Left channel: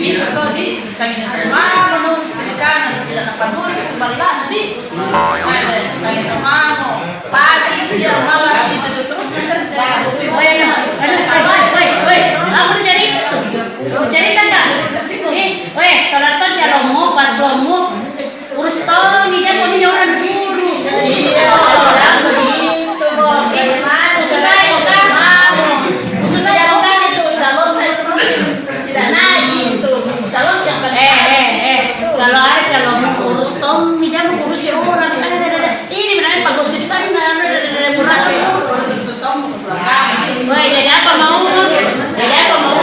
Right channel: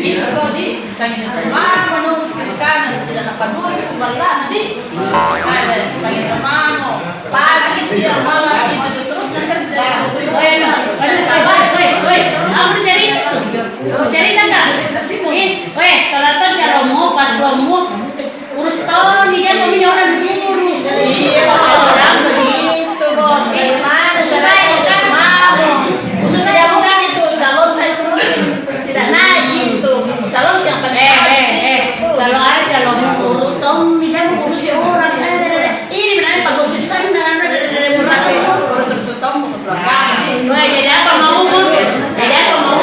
Dito to, di. Sa inamano, sa Pilipina, tidak napaduli, kumbalaan, di. Sa inamano, pagi, siang, malam, itu terus bekerja. Aku cari itu, cari tanda. Kalau tuh calomu, pas lomu, urus tolong nih dia punya orang urus. Iya, orang begitu, bos. Khusus saya bukan itu, calon saya terus tidak naik gitu. Calon yang Kalau ada calomu urus tolong nih dia urus orang. Ini benar Pak Gosipkan dan kalau sebetulnya mau ke belakang. jadi apa mau? Jadi apa mau?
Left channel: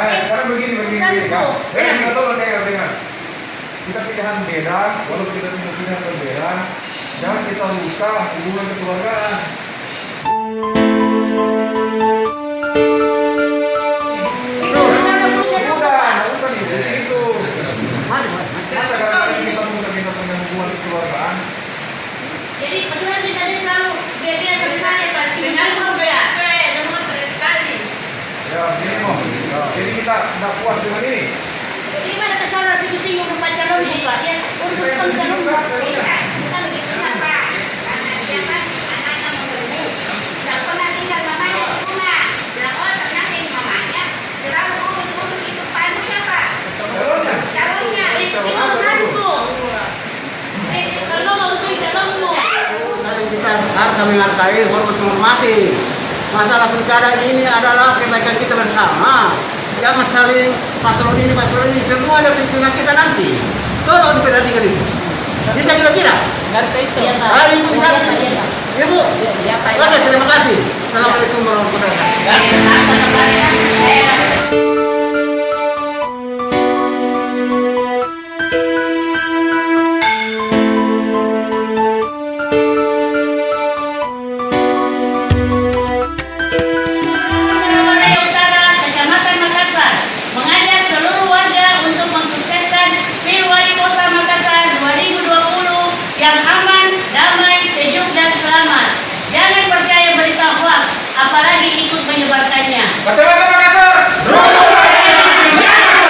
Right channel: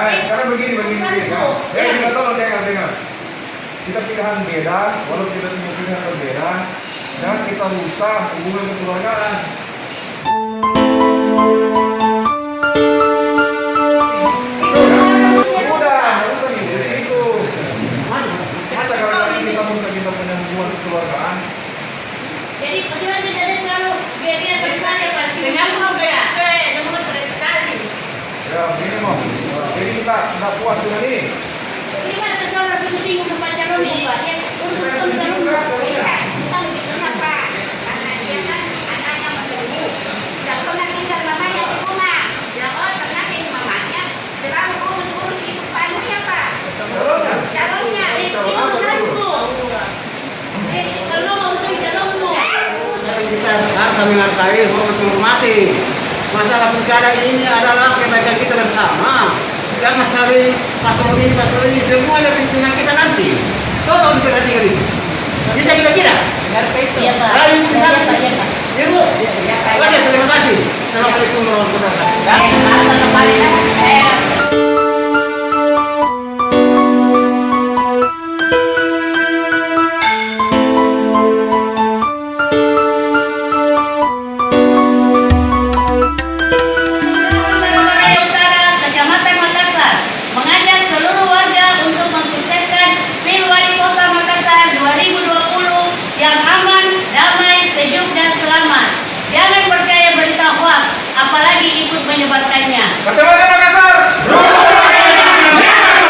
Sekarang begini. Kita tolong dengar. Kita pilihan beda, walaupun kita punya pilihan berbeda, jangan kita rusak hubungan kekeluargaan. Udah, nggak usah nih, dari situ. Masa gara-gara kita punya hubungan kekeluargaan? Jadi bagaimana bedanya selalu dia sebenarnya Pak? Dengan apa ya? Saya cuma sering sekali. Ya, begini mau. Jadi kita tidak puas dengan ini. Jadi mana kesalahan sing-sing Pak calon Pak? Dia untuk calon kita begitunya Pak. Karena dia kan anaknya menunggu. Tidak pernah tinggal mamanya di rumah. Bilang pernah tinggal mamanya. Selalu urus hidup panunya Pak. Calonnya itu urusanku. Kalau mau urusan calonmu. Kita harus menghargai, hormat menghormati. Masalah pilkada ini adalah kebaikan kita bersama. Jangan saling paslon ini, semua ada pimpinan kita nanti. Tolong diperhatikan itu. Bisa kira-kira? Ayo, Ibu. Oke, terima kasih. Assalamualaikum warahmatullahi wabarakatuh.